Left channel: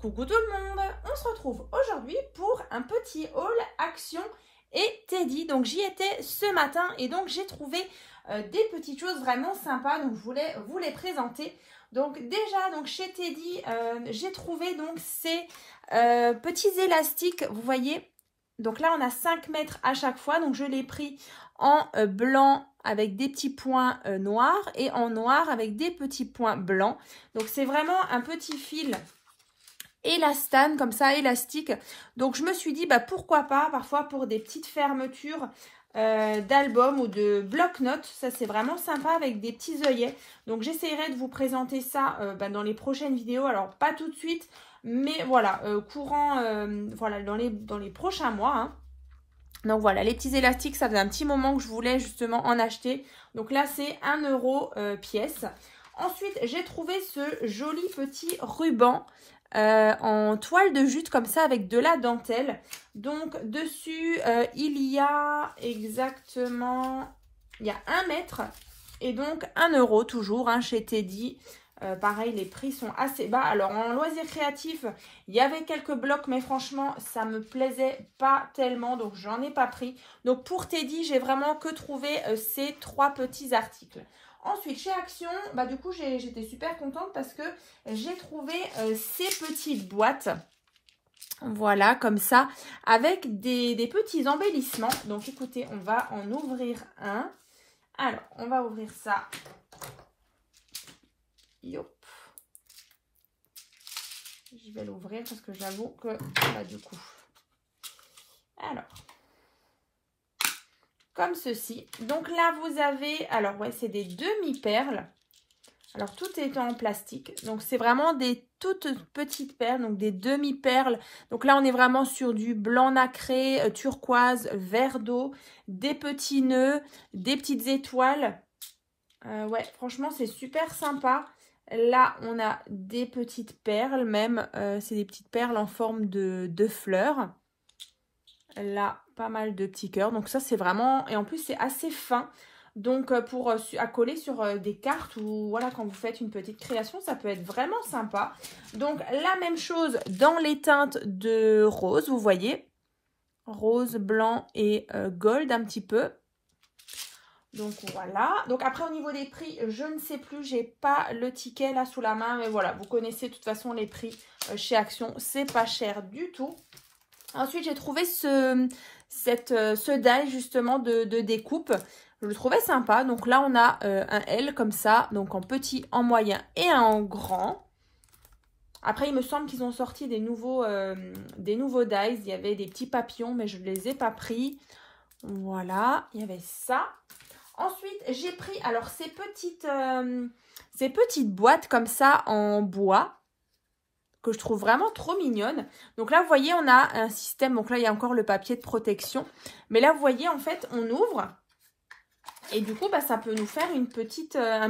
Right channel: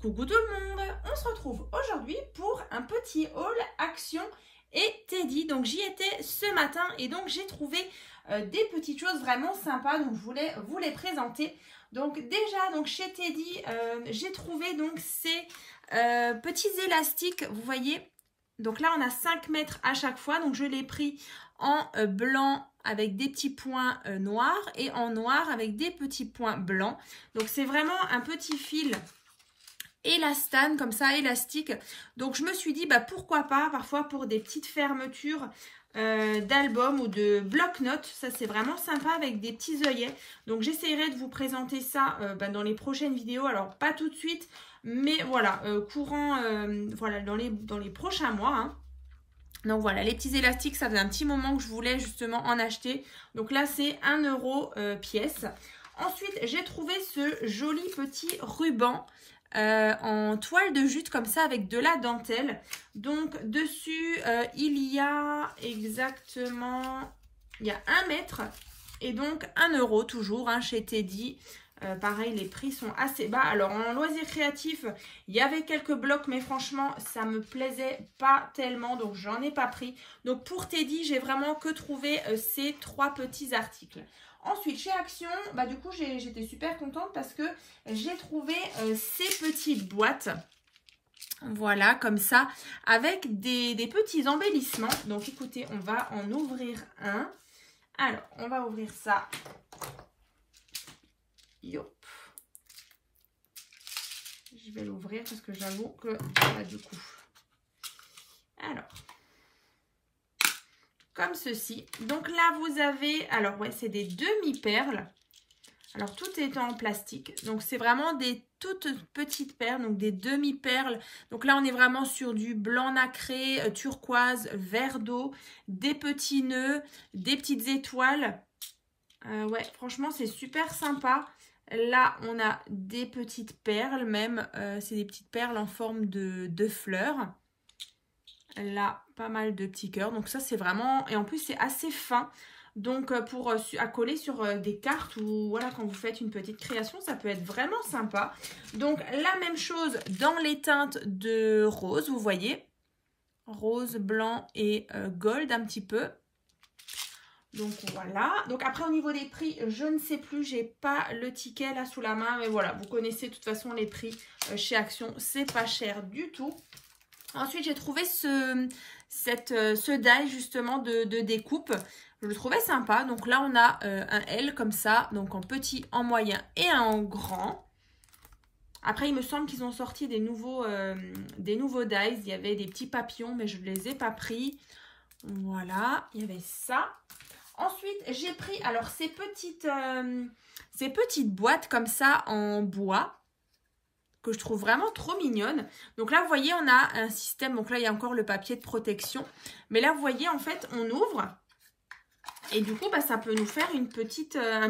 Coucou tout le monde, on se retrouve aujourd'hui pour un petit haul Action et Teddy. Donc j'y étais ce matin et donc j'ai trouvé des petites choses vraiment sympas, donc je voulais vous les présenter. Donc déjà donc chez Teddy j'ai trouvé donc ces petits élastiques, vous voyez. Donc là on a 5 mètres à chaque fois, donc je l'ai pris en blanc avec des petits points noirs et en noir avec des petits points blancs. Donc c'est vraiment un petit fil élastane comme ça, élastique. Donc je me suis dit pourquoi pas parfois pour des petites fermetures d'albums ou de bloc-notes. Ça c'est vraiment sympa avec des petits œillets. Donc j'essaierai de vous présenter ça dans les prochaines vidéos. Alors pas tout de suite, mais voilà, courant voilà, dans les prochains mois, hein. Donc voilà, les petits élastiques, ça faisait un petit moment que je voulais justement en acheter. Donc là c'est 1 € pièce. Ensuite j'ai trouvé ce joli petit ruban en toile de jute comme ça avec de la dentelle. Donc dessus il y a exactement 1 mètre et donc 1 € toujours, hein, chez Teddy. Pareil, les prix sont assez bas. Alors en loisirs créatifs, il y avait quelques blocs, mais franchement ça me plaisait pas tellement, donc j'en ai pas pris. Donc pour Teddy, j'ai vraiment que trouvé ces 3 petits articles. Ensuite, chez Action, du coup, j'étais super contente parce que j'ai trouvé ces petites boîtes. Voilà, comme ça, avec des petits embellissements. Donc, écoutez, on va en ouvrir un. Alors, on va ouvrir ça. Yop. Je vais l'ouvrir parce que j'avoue que, du coup. Alors. Comme ceci. Donc là, vous avez, alors ouais, c'est des demi-perles. Alors, tout est en plastique. Donc, c'est vraiment des toutes petites perles, donc des demi-perles. Donc là, on est vraiment sur du blanc nacré, turquoise, vert d'eau, des petits nœuds, des petites étoiles. Ouais, franchement, c'est super sympa. Là, on a des petites perles même. C'est des petites perles en forme de fleurs. Là, pas mal de petits cœurs. Donc ça, c'est vraiment... Et en plus, c'est assez fin. Donc, pour à coller sur des cartes ou voilà, quand vous faites une petite création, ça peut être vraiment sympa. Donc, la même chose dans les teintes de rose, vous voyez. Rose, blanc et gold un petit peu. Donc, voilà. Donc, après, au niveau des prix, je ne sais plus. J'ai pas le ticket là sous la main. Mais voilà, vous connaissez de toute façon les prix chez Action. C'est pas cher du tout. Ensuite, j'ai trouvé ce die justement de découpe. Je le trouvais sympa. Donc là, on a un L comme ça. Donc en petit, en moyen et en grand. Après, il me semble qu'ils ont sorti des nouveaux dies. Il y avait des petits papillons, mais je ne les ai pas pris. Voilà, il y avait ça. Ensuite, j'ai pris alors ces petites boîtes comme ça en bois, que je trouve vraiment trop mignonne. Donc là, vous voyez, on a un système. Donc là, il y a encore le papier de protection. Mais là, vous voyez, en fait, on ouvre. Et du coup, ça peut nous faire un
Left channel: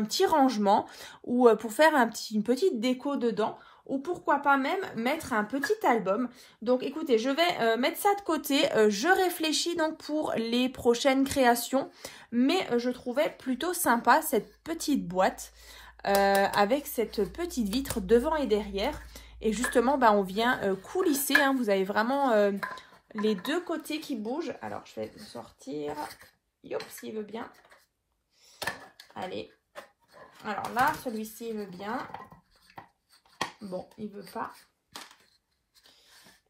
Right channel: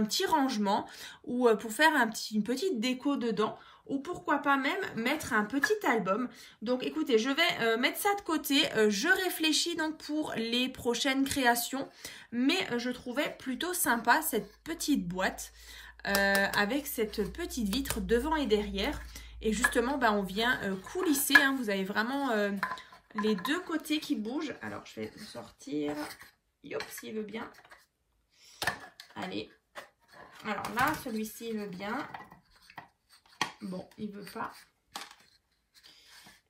petit rangement ou pour faire une petite déco dedans. Ou pourquoi pas même mettre un petit album. Donc écoutez, je vais mettre ça de côté. Je réfléchis donc pour les prochaines créations. Mais je trouvais plutôt sympa cette petite boîte avec cette petite vitre devant et derrière. Et justement, on vient coulisser, hein. Vous avez vraiment les deux côtés qui bougent. Alors, je vais sortir. Yop, s'il veut bien. Allez. Alors là, celui-ci, il veut bien. Bon, il veut pas.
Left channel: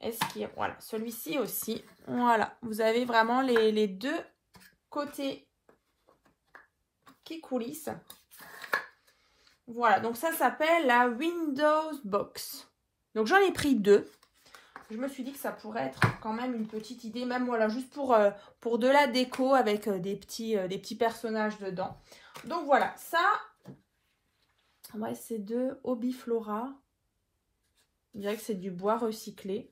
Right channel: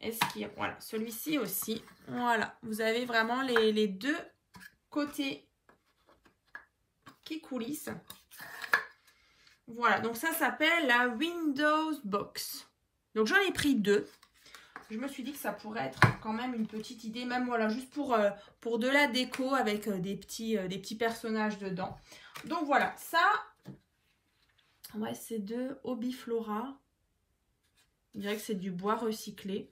Est-ce qu'il y a... Voilà, celui-ci aussi. Voilà, vous avez vraiment les deux côtés qui coulissent. Voilà, donc ça s'appelle la Windows Box. Donc j'en ai pris 2. Je me suis dit que ça pourrait être quand même une petite idée, même voilà, juste pour de la déco avec des petits personnages dedans. Donc voilà, ça, ouais, c'est de Hobbyflora. Je dirais que c'est du bois recyclé.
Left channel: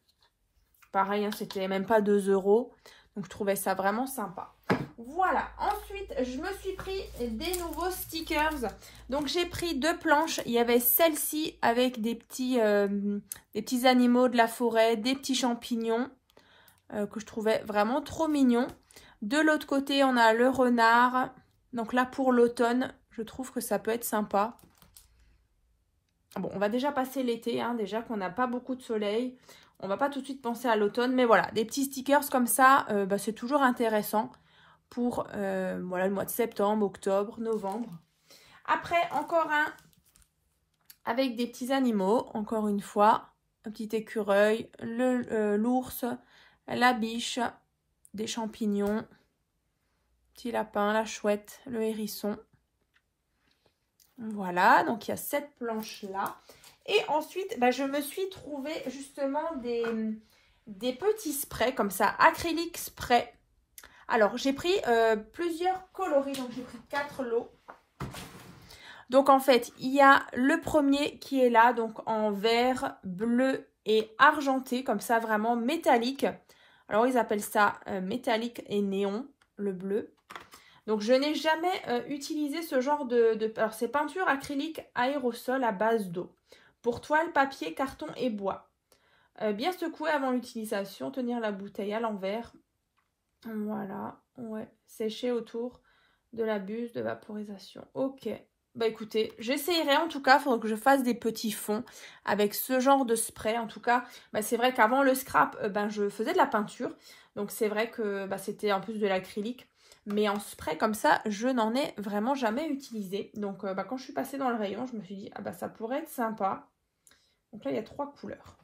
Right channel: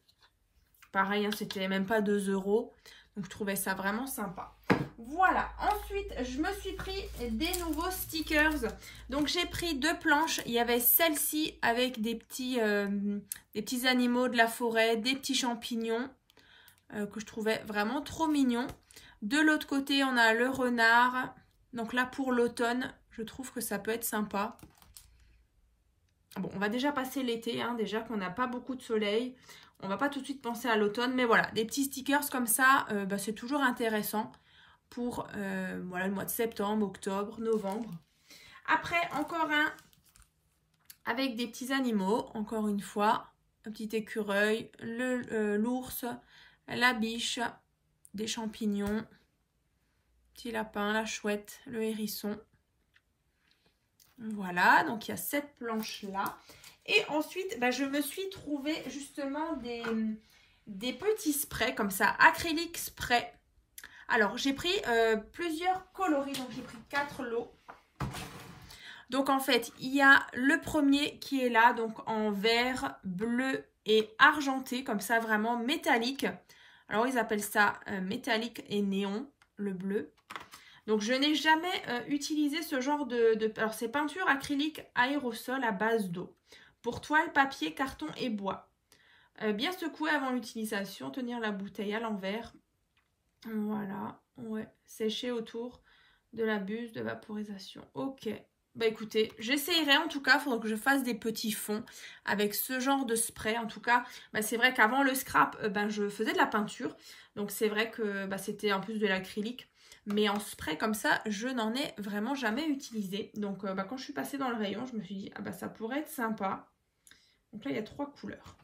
Pareil, hein, c'était même pas 2 €. Donc je trouvais ça vraiment sympa. Voilà, ensuite je me suis pris des nouveaux stickers. Donc j'ai pris 2 planches. Il y avait celle-ci avec des petits animaux de la forêt, des petits champignons que je trouvais vraiment trop mignons. De l'autre côté, on a le renard. Donc là, pour l'automne, je trouve que ça peut être sympa. Bon, on va déjà passer l'été, hein, déjà qu'on n'a pas beaucoup de soleil. On va pas tout de suite penser à l'automne, mais voilà, des petits stickers comme ça, c'est toujours intéressant pour voilà, le mois de septembre, octobre, novembre. Après, encore un avec des petits animaux, encore une fois, un petit écureuil, l'ours, la biche, des champignons, petit lapin, la chouette, le hérisson. Voilà, donc il y a cette planche-là. Et ensuite, je me suis trouvé justement des petits sprays comme ça, acrylique spray. Alors, j'ai pris plusieurs coloris, donc j'ai pris 4 lots. Donc, en fait, il y a le premier qui est là, donc en vert, bleu et argenté, comme ça, vraiment métallique. Alors, ils appellent ça métallique et néon, le bleu. Donc, je n'ai jamais utilisé ce genre alors, c'est peinture acrylique aérosol à base d'eau. Pour toile, papier, carton et bois. Bien secouer avant l'utilisation. Tenir la bouteille à l'envers. Voilà. Ouais. Sécher autour de la buse de vaporisation. Ok. Écoutez, j'essayerai en tout cas. Il faudra que je fasse des petits fonds avec ce genre de spray. En tout cas, c'est vrai qu'avant le scrap, je faisais de la peinture. Donc, c'est vrai que c'était en plus de l'acrylique. Mais en spray comme ça, je n'en ai vraiment jamais utilisé. Donc, quand je suis passée dans le rayon, je me suis dit, ça pourrait être sympa. Donc là, il y a 3 couleurs.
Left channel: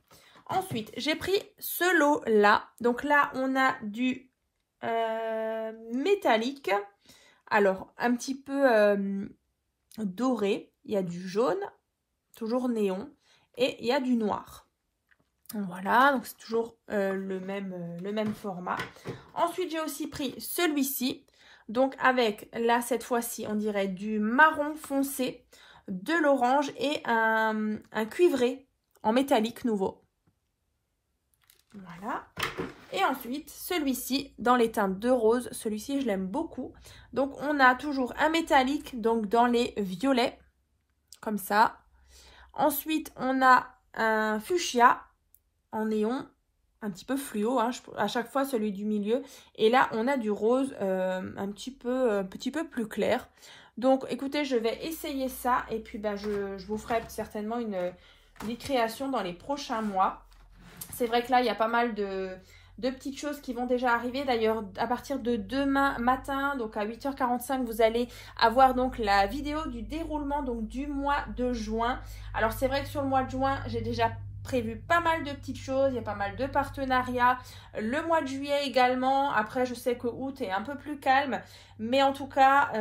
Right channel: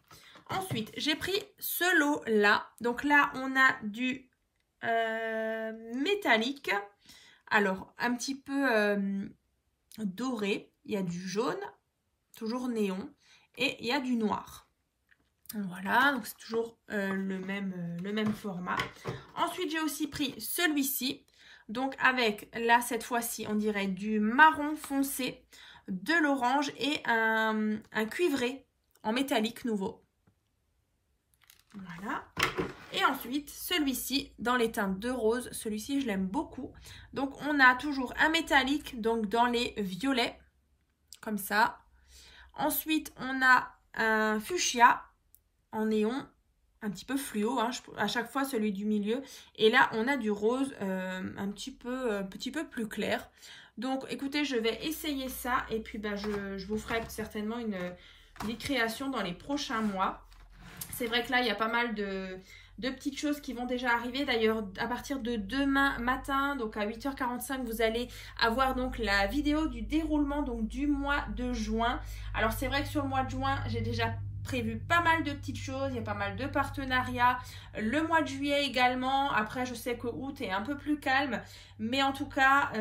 Ensuite, j'ai pris ce lot-là. Donc là, on a du métallique. Alors, un petit peu doré. Il y a du jaune, toujours néon. Et il y a du noir. Voilà, donc c'est toujours le même format. Ensuite, j'ai aussi pris celui-ci. Donc avec, là, cette fois-ci, on dirait du marron foncé, de l'orange et un cuivré en métallique nouveau. Voilà. Et ensuite, celui-ci, dans les teintes de rose. Celui-ci, je l'aime beaucoup. Donc, on a toujours un métallique, donc dans les violets, comme ça. Ensuite, on a un fuchsia en néon, un petit peu fluo, hein, à chaque fois celui du milieu. Et là, on a du rose un petit peu plus clair. Donc, écoutez, je vais essayer ça. Et puis, je vous ferai certainement une création dans les prochains mois. C'est vrai que là, il y a pas mal de petites choses qui vont déjà arriver. D'ailleurs, à partir de demain matin, donc à 8h45, vous allez avoir donc la vidéo du déroulement donc du mois de juin. Alors, c'est vrai que sur le mois de juin, j'ai déjà prévu pas mal de petites choses, il y a pas mal de partenariats, le mois de juillet également. Après, je sais que août est un peu plus calme, mais en tout cas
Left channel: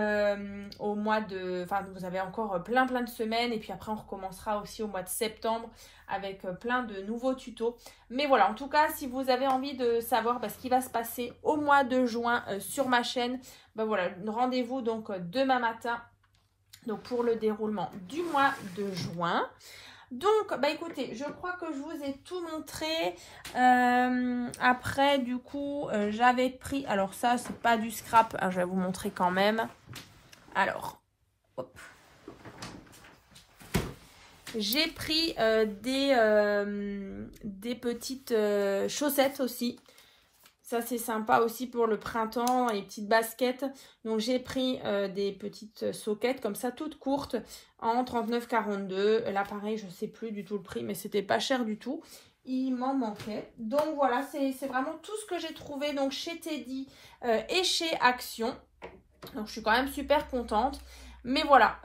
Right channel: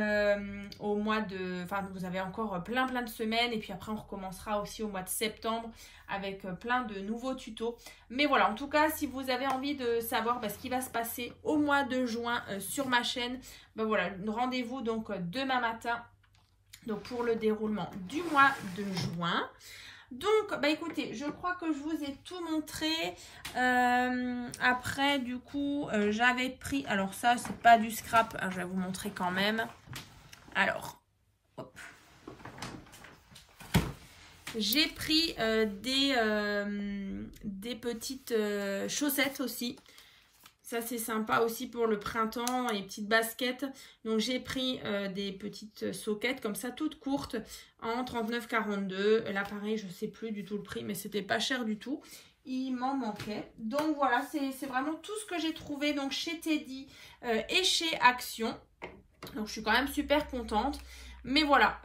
au mois de, vous avez encore plein de semaines, et puis après on recommencera aussi au mois de septembre avec plein de nouveaux tutos. Mais voilà, en tout cas, si vous avez envie de savoir ce qui va se passer au mois de juin sur ma chaîne, voilà, rendez-vous donc demain matin donc pour le déroulement du mois de juin. Donc, écoutez, je crois que je vous ai tout montré. Après, du coup, j'avais pris... Alors ça, c'est pas du scrap. Hein, je vais vous montrer quand même. Alors, hop. J'ai pris des petites chaussettes aussi. Ça, c'est sympa aussi pour le printemps, les petites baskets. Donc, j'ai pris des petites soquettes comme ça, toutes courtes, en 39,42. Là, pareil, je ne sais plus du tout le prix, mais c'était pas cher du tout. Il m'en manquait. Donc, voilà, c'est vraiment tout ce que j'ai trouvé donc chez Teddy et chez Action. Donc, je suis quand même super contente. Mais voilà,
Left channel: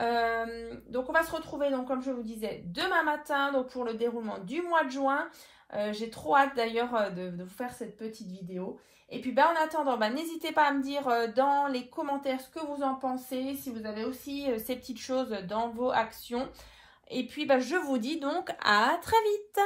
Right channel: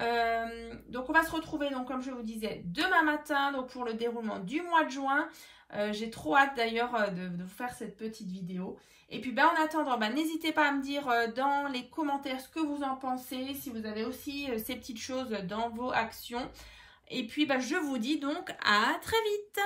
donc on va se retrouver, donc comme je vous disais, demain matin donc pour le déroulement du mois de juin. J'ai trop hâte d'ailleurs de vous faire cette petite vidéo. Et puis en attendant, n'hésitez pas à me dire dans les commentaires ce que vous en pensez, si vous avez aussi ces petites choses dans vos actions. Et puis je vous dis donc à très vite.